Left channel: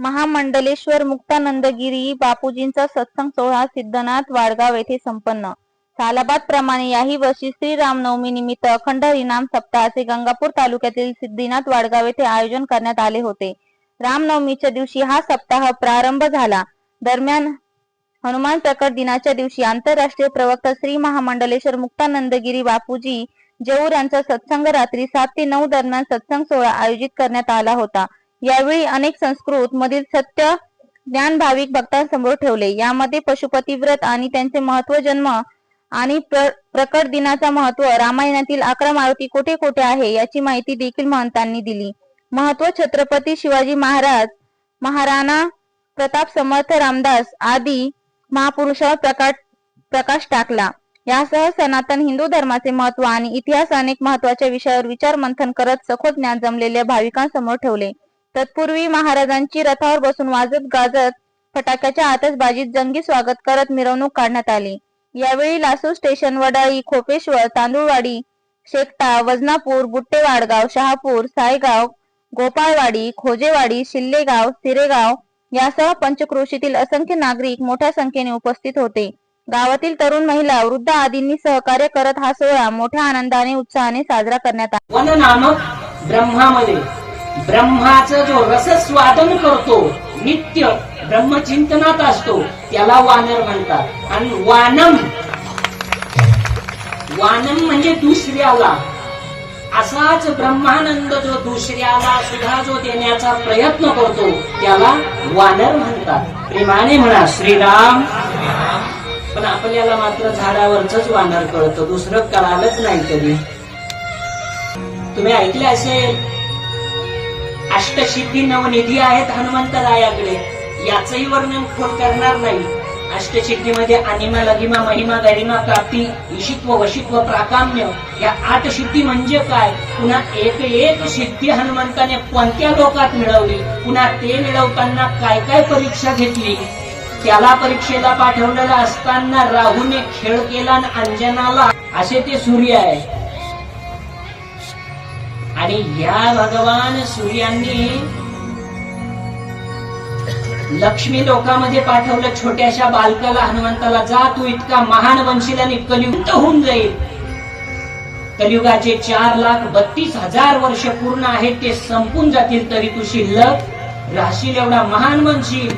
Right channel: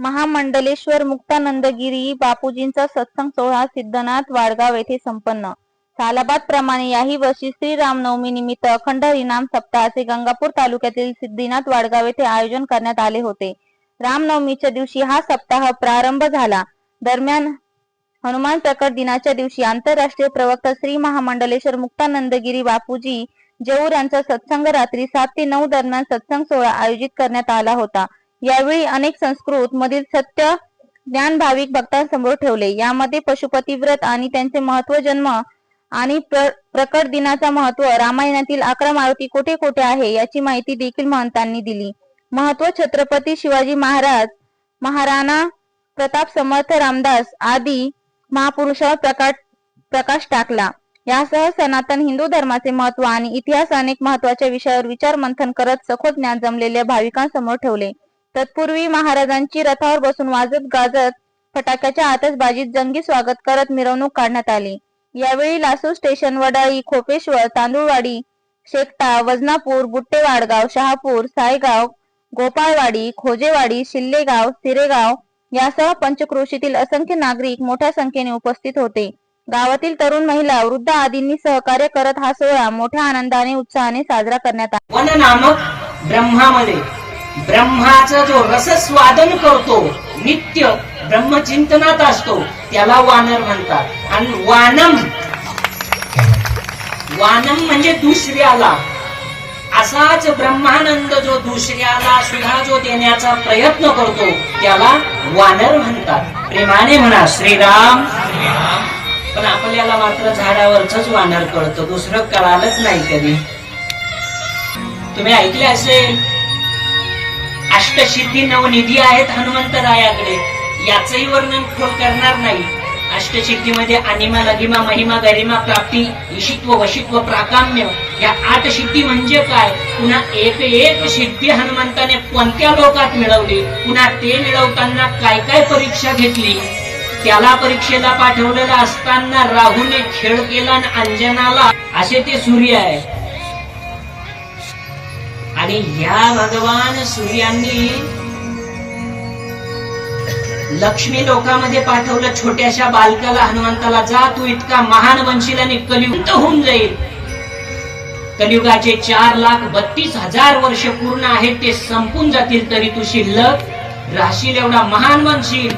महामंडलेश्वर मुक्तानंदगिरी बापूजींचा सत्संग सोहळा सिद्धनाथ वाडगाव येथे संपन्न. सालाबाद प्रमाणे याही वर्षी श्री रामनवमी निमित्त अखंड हरिनाम सप्ताहाचे गंगापूर तालुक्यातील सिद्धिनाथ वाडगाव येथे आयोजन करण्यात आले होते. रामनवमीच्या दिवशी हा सप्ताह प्रारंभ झाला. दरम्यान हनुमान प्रकट दिनाच्या दिवशी आंतरराष्ट्रीय प्रवक्ता श्री महामंडलेश्वर मुक्तानंदगिरी बापूजी जेऊर यांचा सत्संग रात्री सात ते नऊ दरम्यान सत्संग सोहळा आयोजित करण्यात आला होता. यावेळी अनेक संस्कृत मधील सत्य ज्ञान भाविक भक्तांसमोर ठेवले. यामध्ये पशुपती व्रत आणि त्यांचे महत्त्व जन्म आणि प्र, प्रकट दिनाचा महत्त्व रामायणातील अकरा मारुती कोठे कोठे आहे याची माहिती देखील महंतांनी दिली. महत्त्व छत्रपती शिवाजी महाराज महाराणा प्रताप समर्थ रामदास आदी महापुरुषावर प्रकाश प्रकाश टाकला. यासह सनातन हिंदू धर्माचे महत्त्व आणि इतिहास अनेक महत्त्वाच्या विषयावर विचार मंथन करत सखोल ज्ञान जमलेल्या भाविकांसमोर ठेवले. तत्पूर्वी महाराजांची रथावर बसून वाजत गाजत फटाक्याच्या आतषबाजीत जंगी स्वागत करत मिरवणूक काढण्यात आली. यावेळी लासू स्टेशन वडाळी खोपेश्वर तांदूळवाडी शेकटा वजनापूर बुट्टेवाडगाव शहापूर सायगाव गोपाळवाडी खोजेवाडी शिल्लेगाव सिरेगाव यासह पंचक्रोशीतील असंख्य नागरिक मोठ्या संख्येने उपस्थित होते. गावातील तरुण महिला वृद्ध आदींनी सहकार्य करत हा सोहळा मोठ्या आनंदाने उत्साहाने साजरा करण्यात आला. नामक ब्रह्मामध्ये? ब्रह्माचा जो रसस्वादन करतो नित्य ब्रह्मचिंतनात असतो त्याला वानर म्हणतात. आणि वानम वानम म्हणजे दुसऱ्याला. असाच ब्रह्मानंद जो दुसऱ्याला सुद्धा जो देण्याचा प्रयत्न करतो त्याला वानर म्हणतात. प्रेमाने म्हणा श्रीराम. पण आपल्याला मात्र झाडावरच वानर कळतं दुसरं कळालंच नाही कधी. तुम्ही ऐकले असेल अष्टसिद्धी नवनिधी आहेत हनुमंतरायाकडे याचंही वर्णन खोल करणार नाही. अष्टसिद्धीमध्ये अनिमा लगिमा महिमा गरिमा प्राप्ती ईशित्व वशित्व प्राकाम्य. या आठ सिद्धी म्हणजे काय? पुन्हा एक एक सिद्धी हनुमंताने कोणत्या लोकात मिळवली? पुन्हा ते मिळवताना काय काय परीक्षा घेतली? त्याला परीक्षेला पाठवलेला असताना राहूने खेळ केला आणि अंजनाला. असे ते सूर्य आहे. आणि या भगवान सूर्यांनी लक्ष्मी लोकामध्ये पाठवलं छोट्याशा बालकाला हनुमंताला जा तू इतका महान बनशील आणि कलियुग होऊन जाईल. कलियुगाचे चार लाख बत्तीस हजार वर्ष पूर्ण आहेत ते संपून जातील तरी तू शिल्लक राहशील एवढा महान बनशील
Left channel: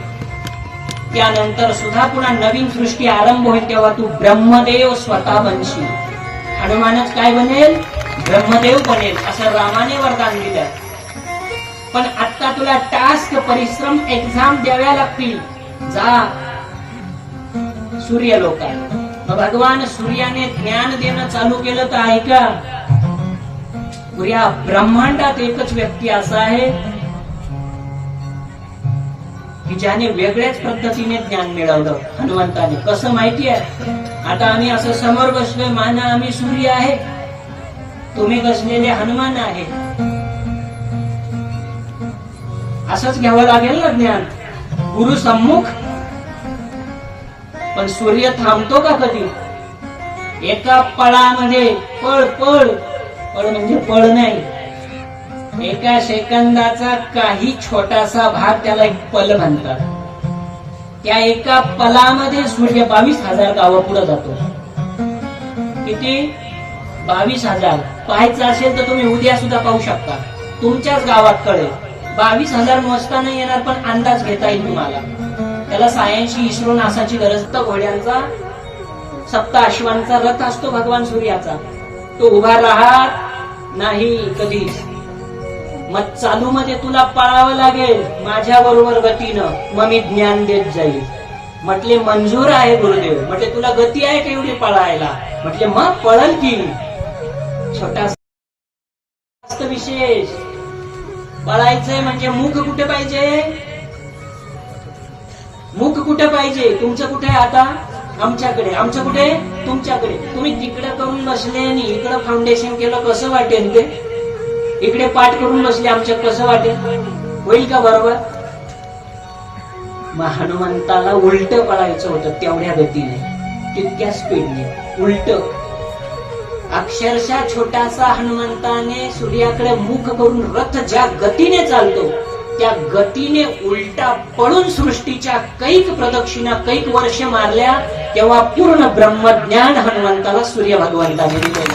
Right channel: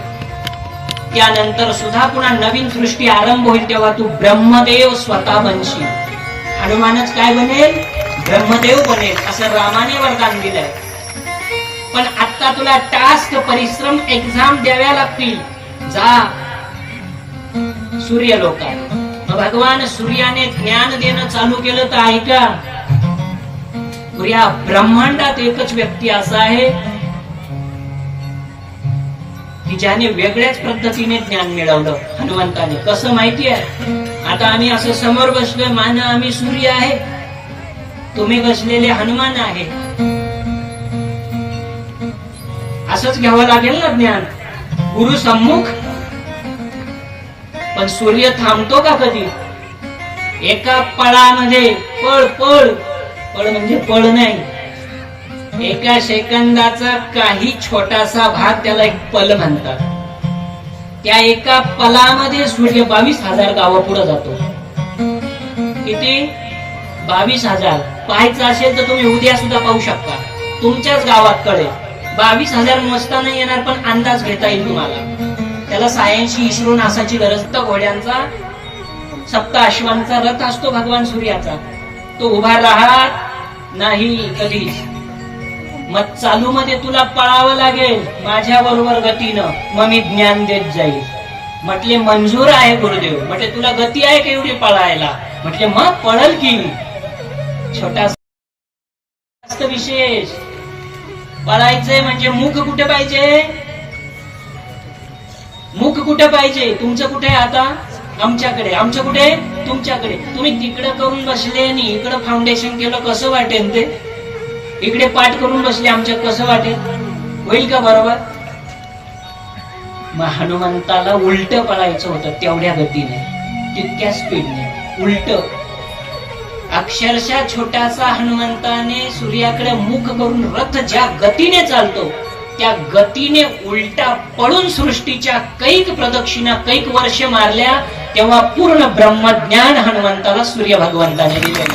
त्यानंतर सुद्धा पुन्हा नवीन सृष्टी आरंभ होईल तेव्हा तू ब्रह्मदेव स्वतः बनशील. हनुमानच काय बनेल? ब्रह्मदेव बनेल असं रामाने वरदान दिलंय. पण आता तुला टास्क परिश्रम एक्झाम द्याव्या लागतील. जा. सूर्य लोकांना. भगवान सूर्याने ज्ञान देणं चालू केलं तर ऐका. पुऱ्या ब्रह्मांडात एकच व्यक्ती असा आहे की ज्याने वेगळ्याच पद्धतीने ज्ञान मिळवलं. हनुमंताने. कसं माहिती आहे? आता आम्ही असं समोर बसलोय मान आम्ही सूर्य आहे. तुम्ही कसलेले हनुमान आहे. असंच घ्यावं लागेल ना ज्ञान. गुरु सम्मुख. पण सूर्य थांबतो का कधी? एका पळामध्ये पळ पळ. पळ म्हणजे पळ नाही. एका सेकंदाचा काही छोटासा भाग त्याला एक पल म्हणतात. त्या एका पलामध्ये सूर्य बावीस हजार गावं पुढे जातो. किती? बावीस हजार. पाहायचं असेल तर तुम्ही उद्या सुद्धा पाहू शकता. तुमच्याच गावात कळे बावीस हजार मोजता नाही येणार पण अंदाज घेता येईल तुम्हाला. त्याला सायन्सची इस्रो नासाची गरज तर घोड्यांचा सप्त अश्वांचा रथ असतो भगवान सूर्याचा. तो उभा राहत नाही कधी मग चालू मध्ये तुला पळावं लागेल माझ्या बरोबर गतीनं. मग मी ज्ञान देत जाईल. म्हटले मंजूर आहे गुरुदेव. म्हटले तुला गती आहे का एवढी पळायला? म्हटले मग पळल की छोटा विशेष. पळायचंय म्हणजे मुख कुठे पाहिजे? मुख कुठे पाहिजे? तुमचं कुठे आहे आता? आमच्याकडे. आमचं कुठे? तुमच्याकडे. तुम्ही तिकडं करून बसले आणि इकडं फाउंडेशन केलं कसं वाटेल ते? इकडे पाठ करून बसले आमच्या कसं वाटेल? होईल का बरोबर? मग हनुमंताला उलट पळायचं होतं तेवढ्या गतीने. तितक्या स्पीडने उलट. अक्षरशः छोटासा हनुमंताने सूर्याकडे मुख करून रथ ज्या गतीने चालतो त्या गतीने उलटा पडून सृष्टीच्या कैक प्रदक्षिणा कैक वर्ष मारल्या तेव्हा पूर्ण ब्रह्मज्ञान हनुमंताला सूर्य भगवंताने दिलेलं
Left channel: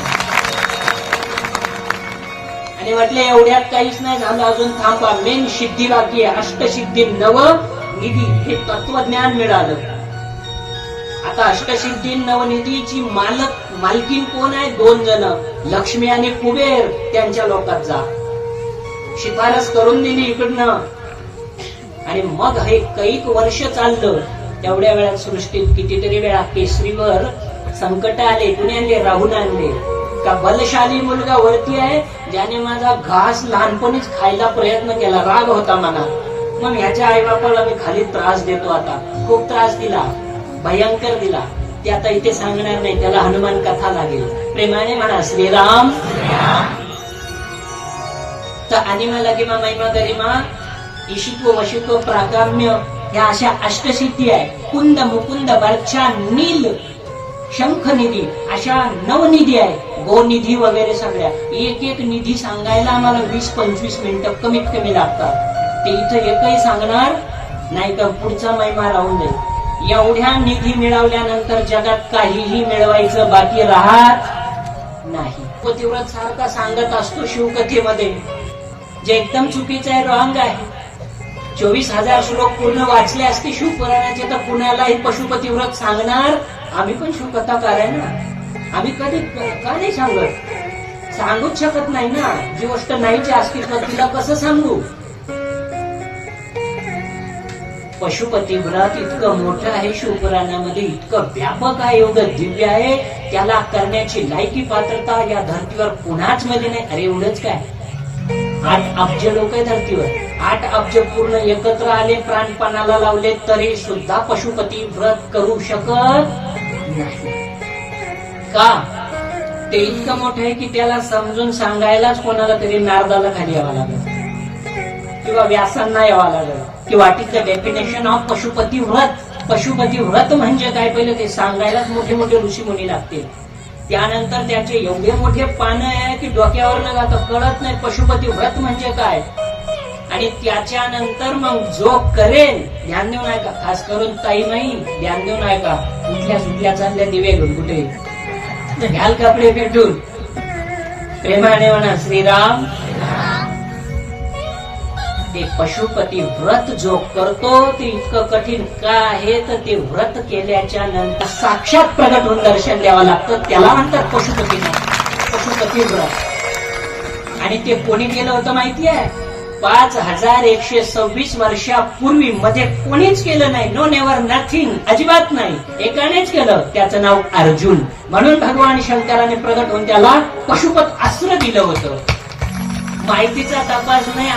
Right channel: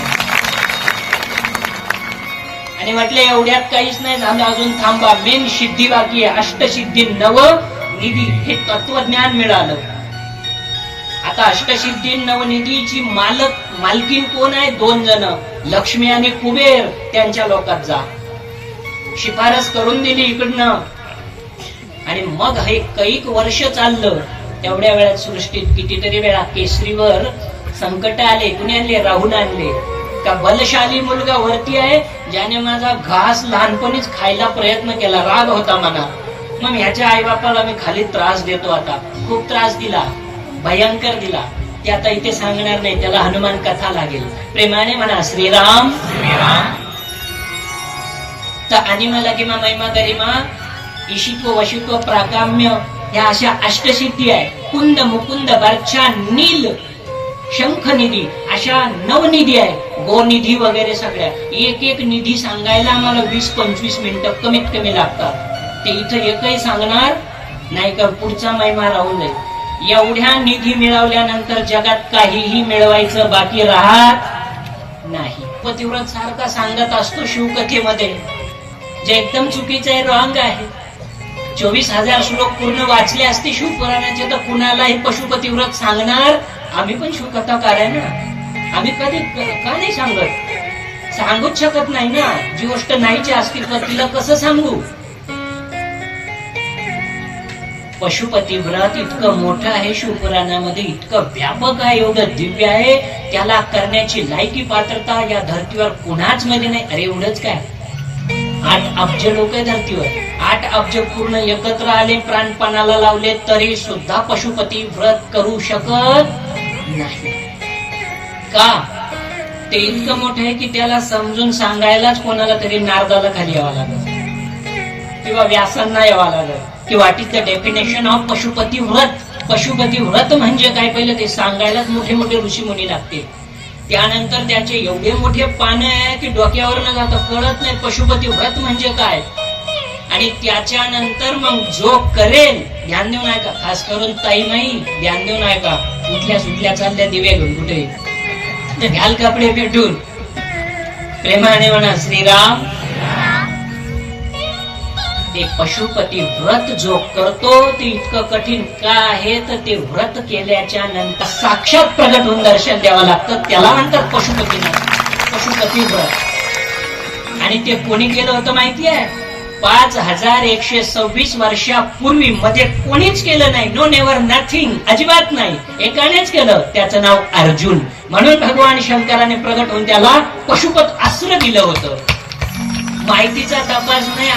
आणि म्हटलं एवढ्यात काहीच नाही झालं अजून थांबा मेन सिद्धी बाकी अष्टसिद्धी नव निधी हे तत्वज्ञान मिळालं. आता अष्टसिद्धी नवनिधीची मालक मालकीन कोण आहे? दोन जण लक्ष्मी आणि कुबेर त्यांच्या लोकात जा. शिफारस करून दिली इकडनं. आणि मग हे कैक वर्ष चाललं. तेवढ्या वेळात सृष्टीत कितीतरी वेळा केसरीवर संकट आले कुणी आणले? राहून आणले. त्या बलशाली मुलगा वरती आहे ज्याने माझा घास लहानपणीच खायला प्रयत्न केला. राग होता मला. मग ह्याच्या आई बापाला मी खाली त्रास देतो आता. खूप त्रास दिला. भयंकर दिला. ते आता इथे सांगणार नाही त्याला हनुमान कथा लागेल. प्रेमाने म्हणा श्रीराम. तर आणि मला किंवा महिमा गरिमा ईशित्व वशित्व प्राकाम्य ह्या अशा अष्टसिद्धी आहे. कुंद मुकुंद बर्चा नील शंख निधी अशा नवनिधी आहे. गोनिधी वगैरे सगळ्या. एक एक निधी सांगायला आम्हाला वीस पंचवीस मिनिटं कमीत कमी लागतात. ते इथं एकही सांगणार नाही का पुढचा महिमा राहून जाईल. एवढ्या निधी मिळवल्यानंतर जगात काहीही मिळवायचं बाकी राहत नाही. पतिव्रत सारखा सांगत असतो शिवकथेमध्ये जे एकदम चुकीचं आहे रॉंग आहे. चोवीस हजार श्लोक पूर्ण वाचले असते शिवपुराणाचे तर कुणालाही पशुपतिव्रत सांगणार? आम्ही पण शिवकथाकार आहे ना. आम्ही कधी का नाही सांगत? सांगूच शकत नाही ना. जी गोष्ट नाहीची अस्तित्व तिला कसं सांगू? पशुपती व्रत इतकं मोठं आहे शिवपुराणामध्ये इतकं व्यापक आहे एवढं दिव्य आहे. त्याला करण्याची लायकी पात्रता या धर्तीवर कुणाच मध्ये नाही. अरे एवढंच काय? आठ अब्ज लोक आहे धर्तीवर. आठ अब्ज पूर्ण एकत्र आले प्राणपणाला लावले तरी सुद्धा पशुपती व्रत करू शकत नाही. का? ते इतकं मोठं आहे की त्याला समजून सांगायलाच कोणाला तरी नारदाला खाली यावं लागत किंवा व्यासांना यावं लागलं. की what is the definition of Pashupati Vrat. Pashupati Vrat म्हणजे काय? पहिलं ते सांगायलाच मोठे मोठे ऋषी मुनी लागतील. त्यानंतर त्याचे एवढे मोठे पानं आहे की डोक्यावर न जाता कळत नाही पशुपती व्रत म्हणजे काय? आणि त्याच्यानंतर मग जो करेल ध्यान देऊ नका खास करून ताई नाही ध्यान देऊ नका उठल्या सुटल्या चालल्या दिवे घेऊन कुठे? घाल कपडे पेटून. प्रेमाने म्हणा श्रीराम ते पशुपती व्रत जो करतो ते इतकं कठीण का आहे? तर ते व्रत केल्याच्यानंतर साक्षात प्रगट होऊन दर्शन द्यावं लागतं. त्याला म्हणतात पशुपती पशुपती व्रत. आणि ते कोणी केलं होतं माहिती आहे पाच हजार एकशे सव्वीस वर्षापूर्वी मध्ये कोणीच केलं नाही. नो नेवर नथिंग अजिबात नाही. एकानेच केलं. त्याचं नाव अर्जुन. म्हणून भगवान शंकराने प्रगट होऊन त्याला पशुपत अस्त्र दिलं होतं. माहितीचा तपास नाही